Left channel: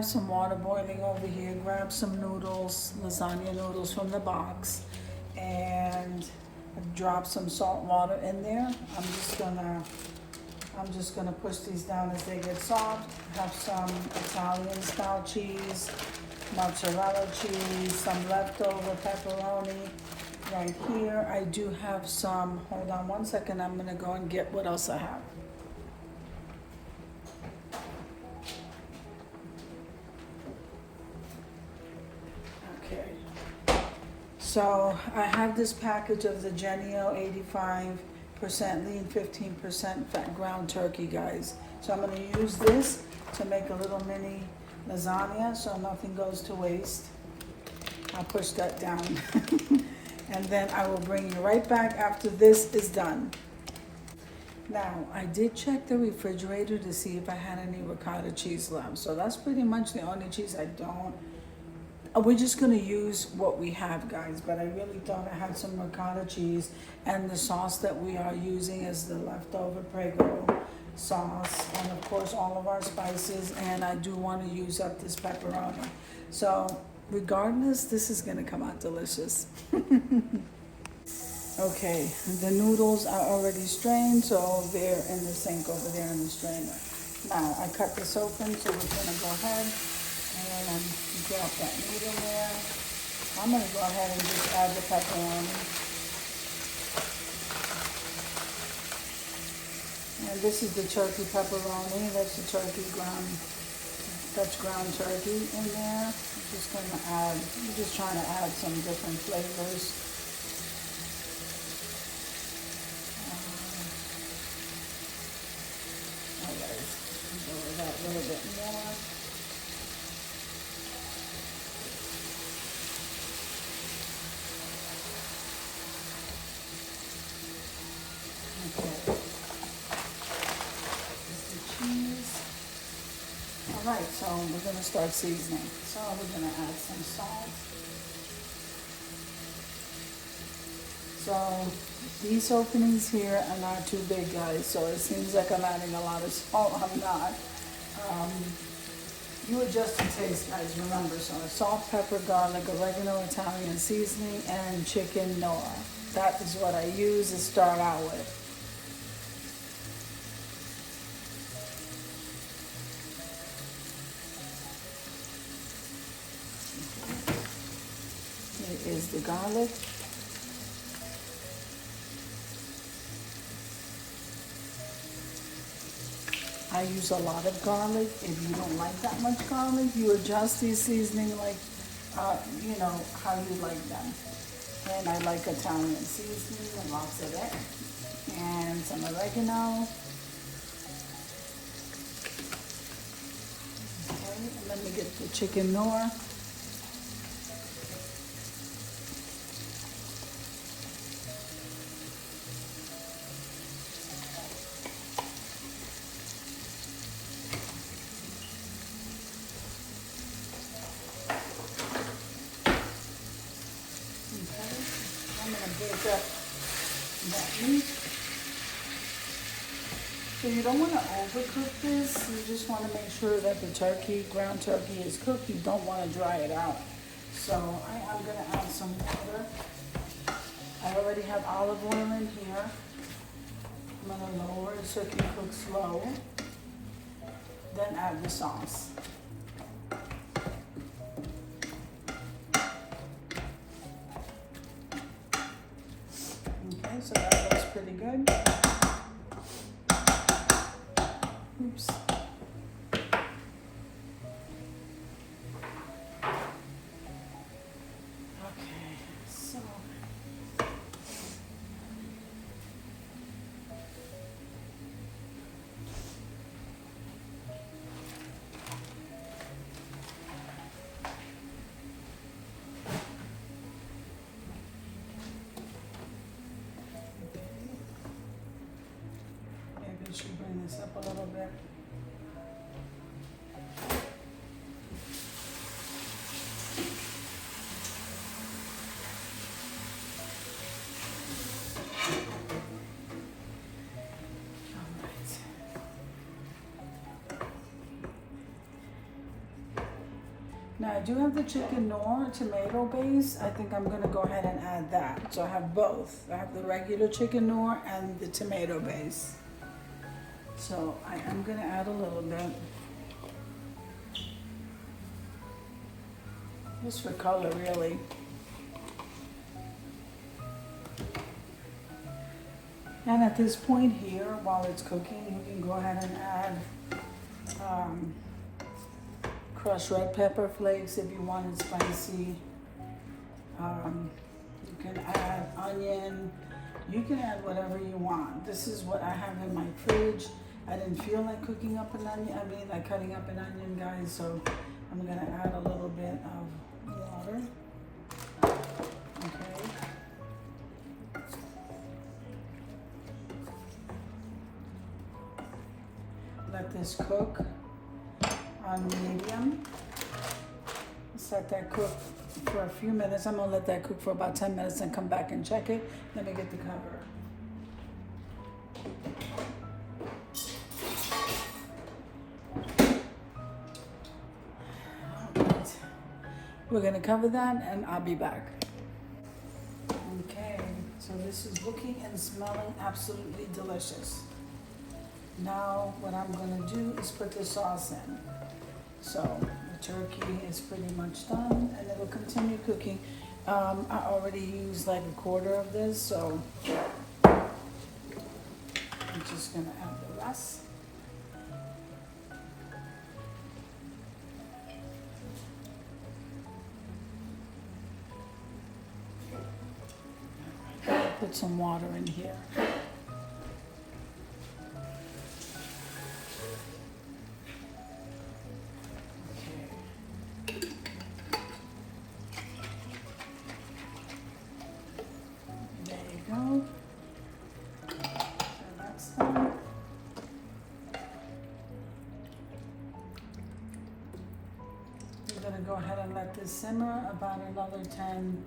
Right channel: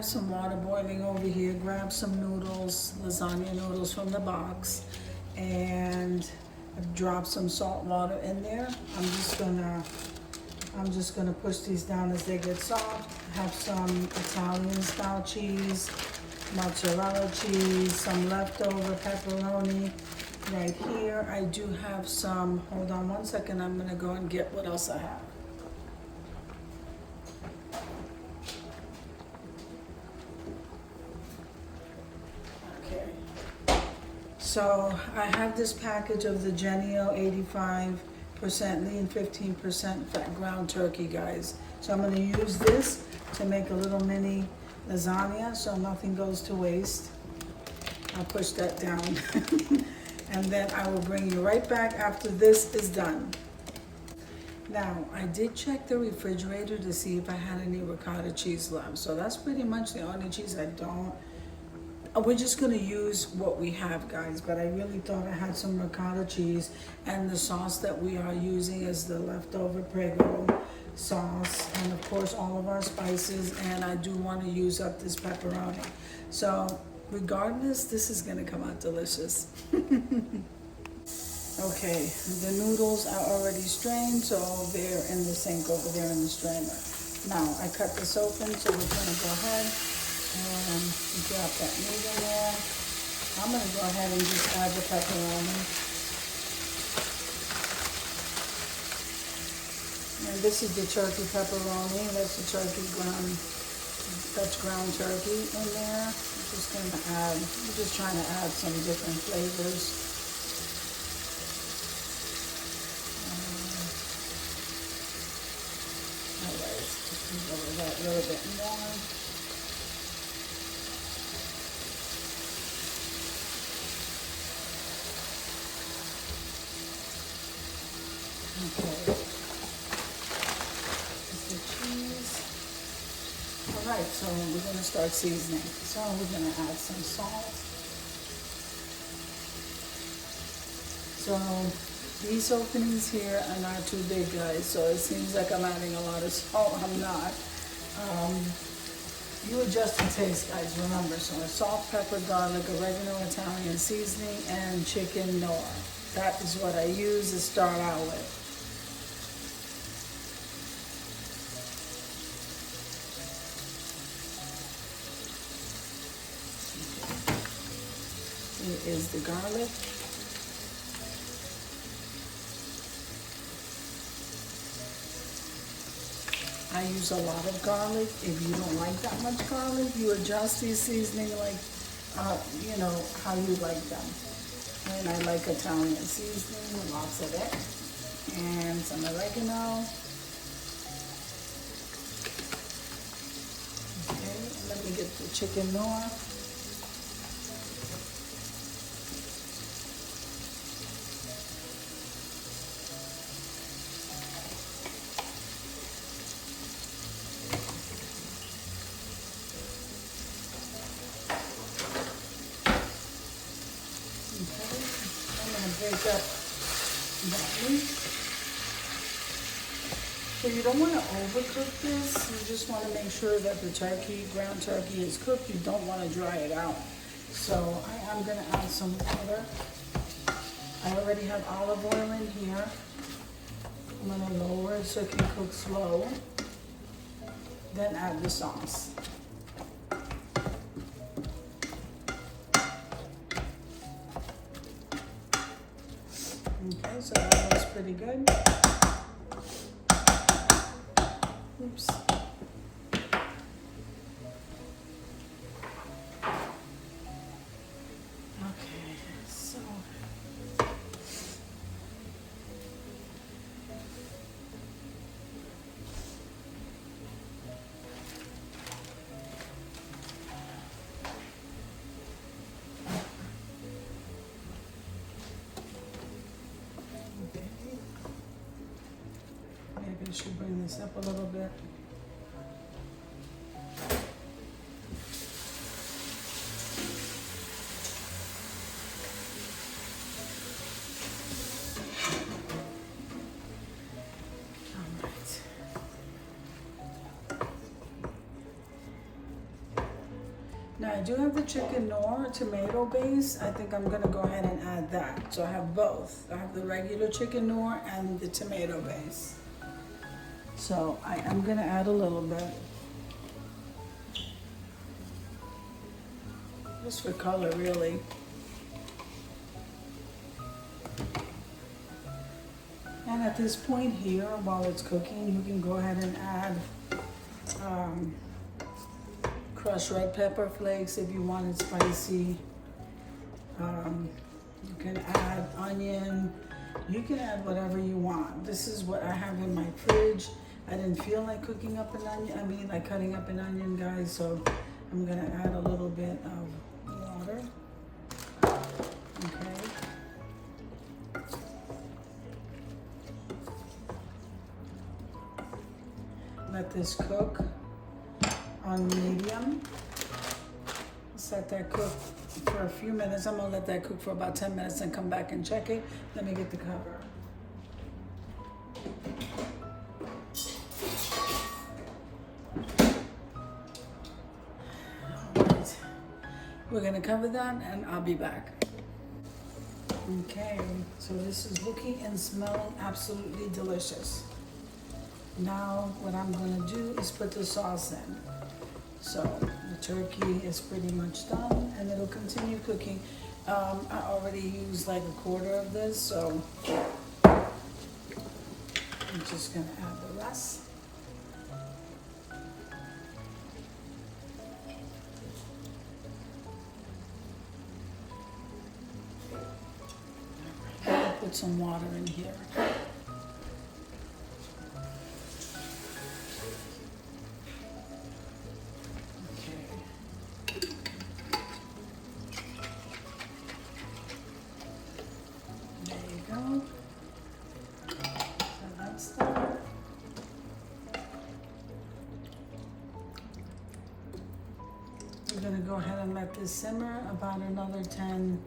have some water boiling over here. Grab some noodles, lasagna noodles from the box, and drop some salt water in there. I'm just gonna push these down as they get soft. Have some Italian style cheese, mozzarella cheese, some leftover pepperoni right here. I do have some, hold on one second, I'm gonna go and get what else I have. Okay, so I have this package of the Genio 85% lean, 15% fat ground turkey, guys. So I'm gonna use this to make a little mini lasagna so nothing goes to waste. I'll push that down. And then I will bring you right back after this is done. Now, I did check the refrigerator to see if I had any ricotta cheese left. So that's pretty much the only cheese I don't. We're just gonna use what we have, guys, but I really thought I had some ricotta cheese, and the sauce that we are using is the leftover Prego sauce, and of course all of our spices, and I do want to use up this pepperoni. So regardless, this is gonna come out delicious. Okay, the noodles are already strained, so they're in the sink over there in the strainer. Now I cut this open, so we're gonna go ahead and drop that meat in there. I'm gonna go ahead and just add the pepperoni. And this is the turkey pepperoni. That's the turkey ground. That's ground turkey in there. I'm just gonna add. I'm just trying to add some different flavors. Alright, go with that a little bit more. Okay. Alright, so we're going to start seasoning. So we're going to add some salt. So these openings here are not too big, guys, so it seems like I'm adding a lot of salt. I'm not. You adjust the taste, guys, remember. So salt, pepper, garlic, oregano, Italian seasoning, and chicken Noah. That is what I use to start out with. Is the garlic. I use a lot of garlic. If you don't like that much garlic, you adjust these seasoning like, you know, how you like them. And I like Italian seasoning, lots of it. And some oregano. Okay, let me get the chicken Noah. Break up that meat. So you don't want to overcook this. You just want to make sure that the turkey, ground turkey, is cooked. You don't want to dry it out. So I am going to add some water. I already have olive oil in here. I'm going to lower it so it can cook slow. Then add the sauce. Okay, so that looks pretty good. Oops. Okay, so maybe we should bring this up a little bit. Now I do have the chicken noir tomato base. I think I'm gonna go ahead and add that. So I have both. I have the regular chicken noir and the tomato base. So I am gonna add a little bit. Just for color, really. And at this point here, while it's cooking, we can go ahead and add crushed red pepper flakes if you want it spicy. You can add onion. You can add whatever you want. This is what I have in my fridge. I didn't feel like cooking up an onion. Like cutting up an onion, guys. So I'm gonna add a little bit of water. Okay. Let this cook on medium. Let's let that cook for a few minutes. I'm gonna let that cook for about 10 minutes and come back and check it. Let me get the cover. All right. We're gonna cover that and I'll be back. Okay, so this is looking and smelling absolutely delicious. Now what I'm gonna do is put the sauce in. So the turkey is pretty much done and it'll continue cooking. I already used like a quarter of this, so I'm just gonna add the rest. I'll put some water in here. I'm gonna go ahead and let this simmer about another 10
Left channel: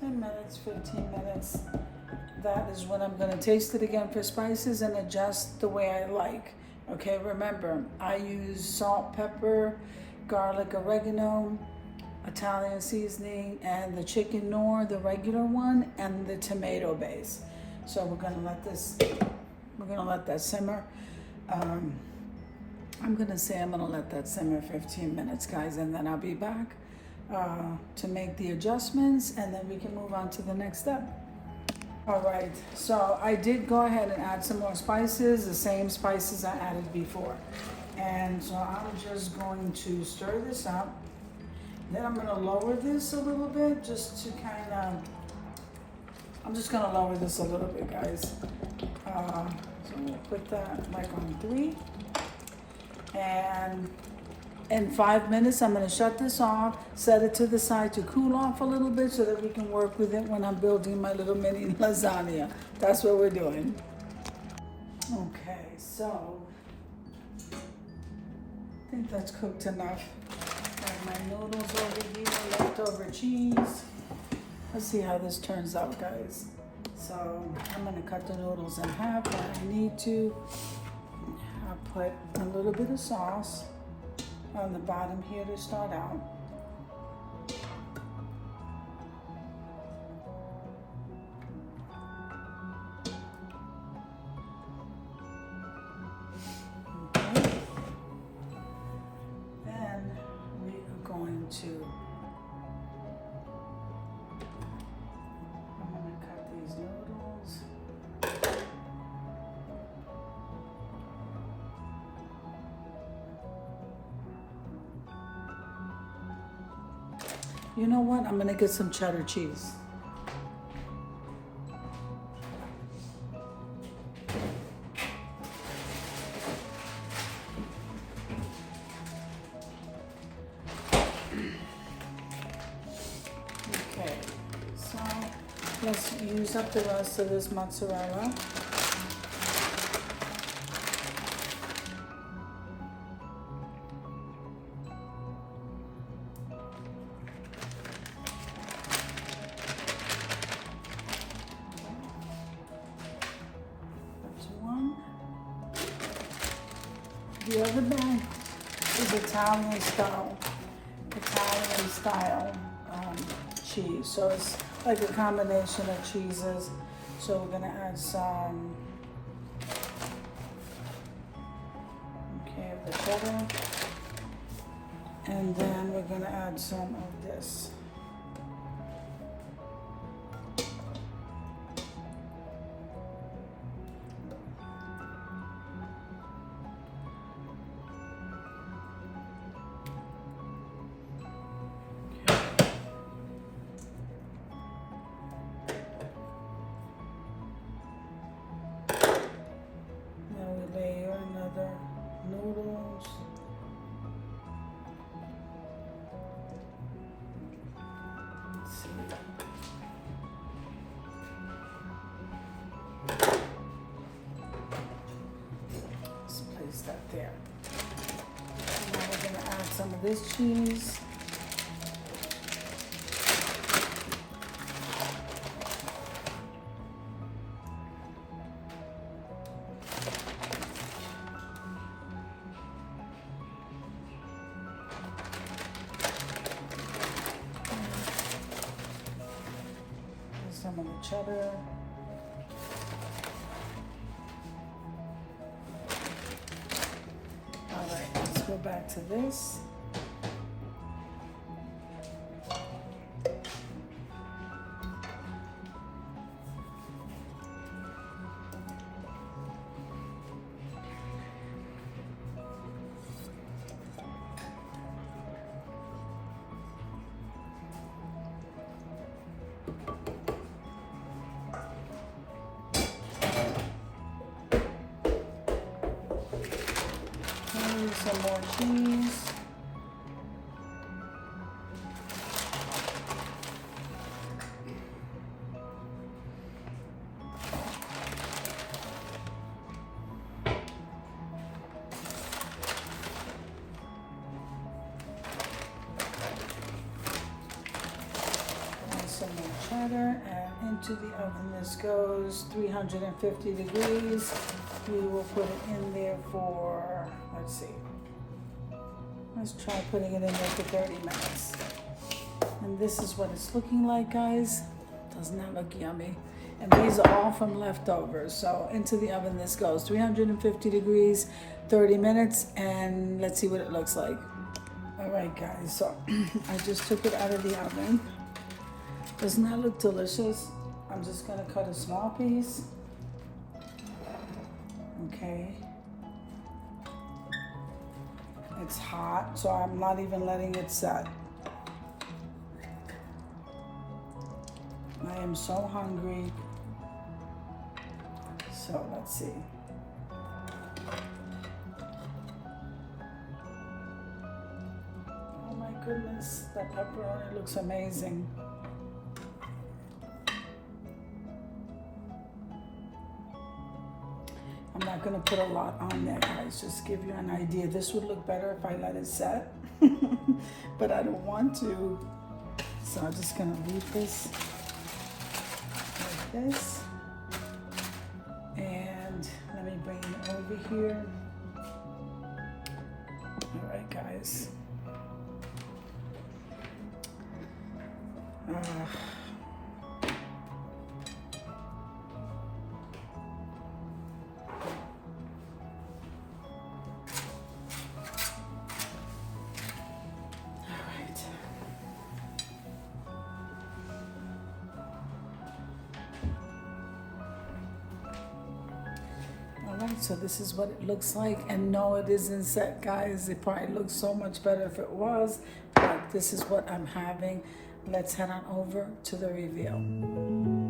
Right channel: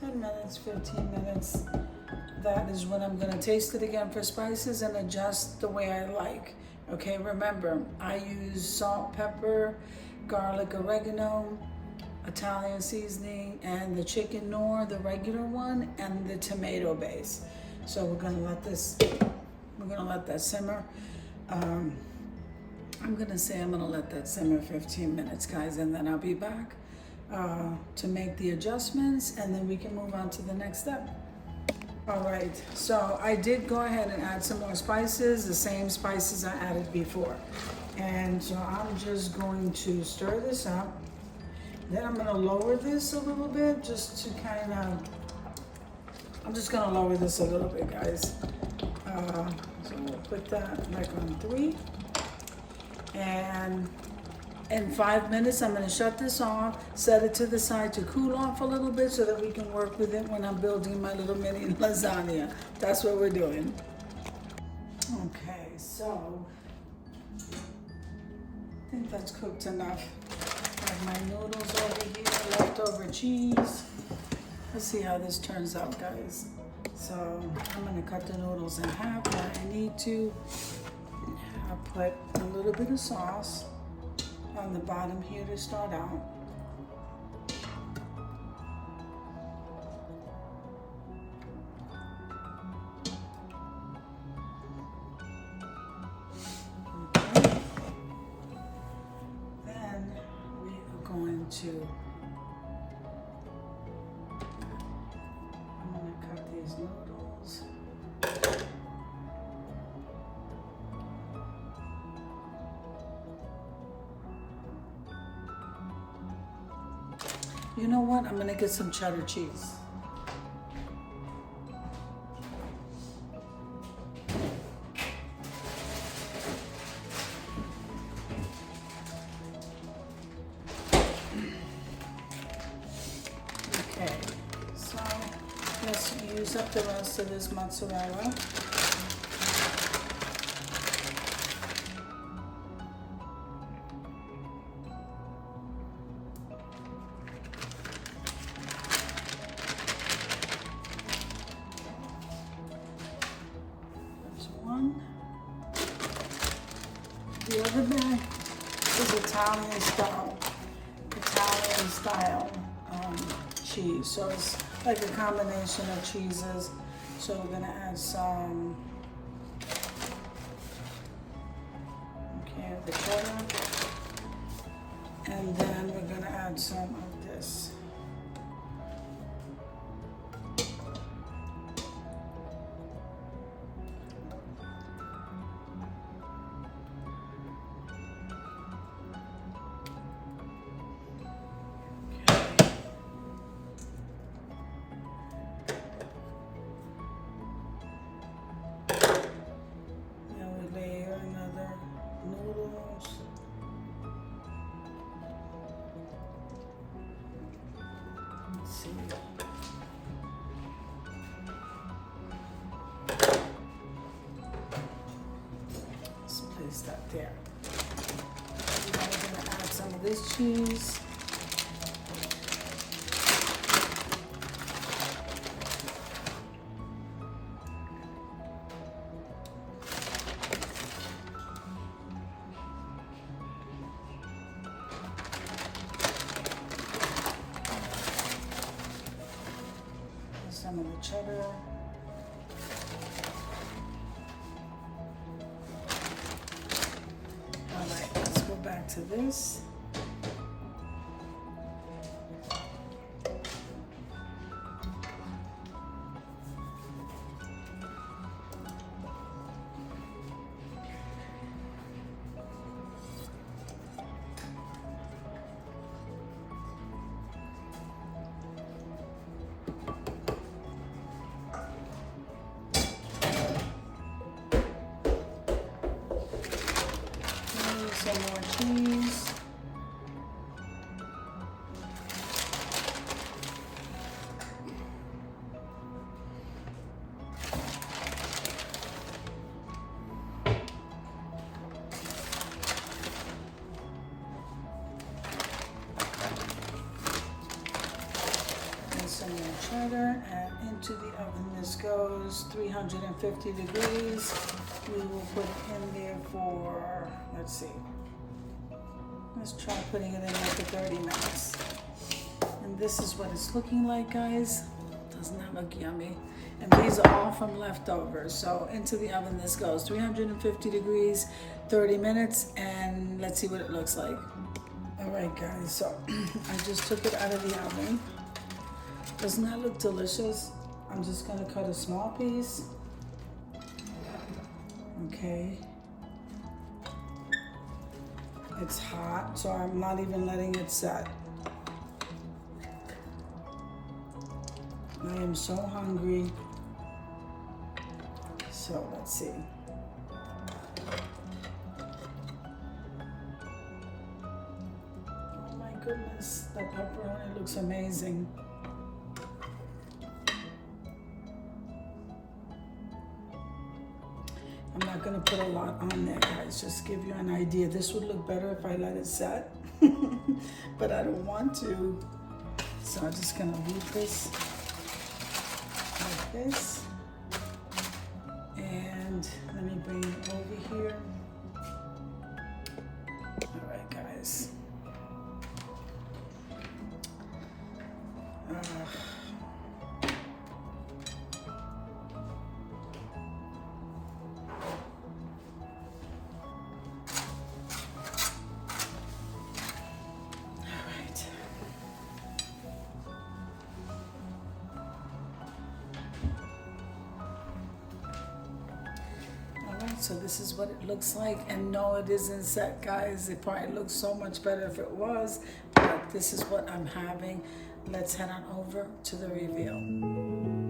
minutes, 15 minutes. That is when I'm gonna taste it again for spices and adjust the way I like. Okay, remember, I use salt, pepper, garlic, oregano, Italian seasoning, and the chicken noir, the regular one, and the tomato base. So we're gonna let that simmer. I'm gonna let that simmer 15 minutes, guys, and then I'll be back to make the adjustments, and then we can move on to the next step. All right, so I did go ahead and add some more spices, the same spices I added before. And so I'm just going to stir this up. Then I'm gonna lower this a little bit just to kind of, I'm just gonna lower this a little bit, guys. So I'm gonna put that like on 3. And in 5 minutes, I'm gonna shut this off, set it to the side to cool off a little bit so that we can work with it when I'm building my little mini lasagna. That's what we're doing. Okay, so I think that's cooked enough. I have my noodles over here, leftover cheese. Let's see how this turns out, guys. So I'm gonna cut the noodles in half when I need to. I'll put a little bit of sauce on the bottom here to start out. Okay. Then we are going to, I'm going to cut these noodles. You know what? I'm gonna get some cheddar cheese. Okay, so let's use up the rest of this mozzarella. The other bag This is Italian style cheese. So it's like a combination of cheeses. So we're gonna add some, the cheddar. And then we're gonna add some of this. Noodles. Let's see. Let's place that there. And now we're going to add some of this cheese. Some of the cheddar. All right, let's go back to this. Some more cheese. And some more cheddar, and into the oven this goes, 350 degrees. We will put it in there for, let's see. Let's try putting it in there for 30 minutes. And this is what it's looking like, guys. Does not look yummy. And these are all from leftovers. So into the oven this goes, 350 degrees, 30 minutes, and let's see what it looks like. All right, guys, so I just took it out of the oven. Doesn't that look delicious? I'm just gonna cut a small piece. Okay. It's hot, so I'm not even letting it set. I am so hungry. So let's see. Oh my goodness, that pepperoni looks amazing. I'm not gonna put a lot on there, guys, just give you an idea. This would look better if I let it set, but I don't want to. So I'm just gonna leave this like this. And let me bring it over here. All right, guys. So this is what it looks like, and no, it isn't set, guys. It probably looks so much better if it was, but this is what I'm having. Let's head on over to the reveal.